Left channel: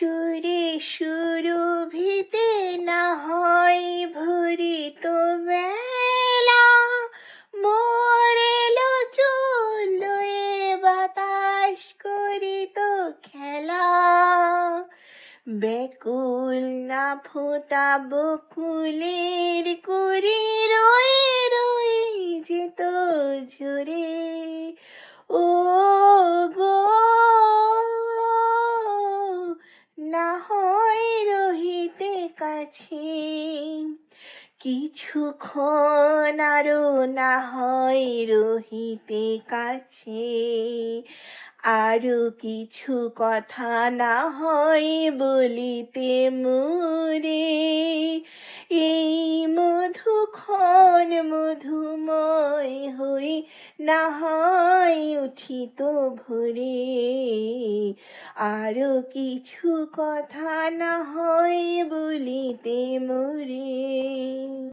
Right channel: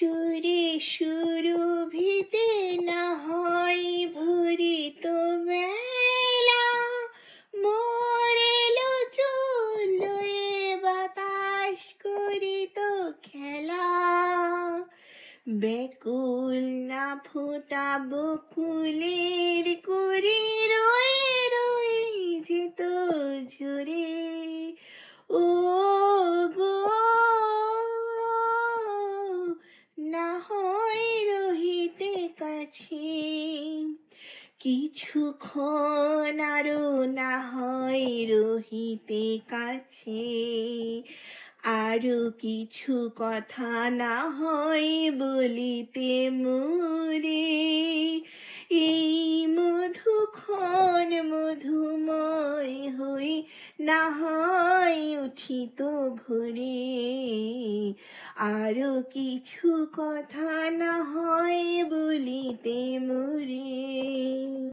সুরে সুরভিতে না হয় ভরিত বেলা, মোর এলো চললো এ বাতাস করিত খেলা। ব্যাকুল না ফোটাব ফুলের কুড়ি, রয়ে রয়ে যেত ঝরে। ও গো, না হয় রহিতে কাছে, কিছুক্ষণ আরো না হয় রহিতে কাছে, আরো কিছু কথা না হয় বলিতে মোরে। এই মধুক্ষণ মধুময় হই না হয় উঠিত ভোরে, আরো কিছু কথা না হয় বলিতে মোরে।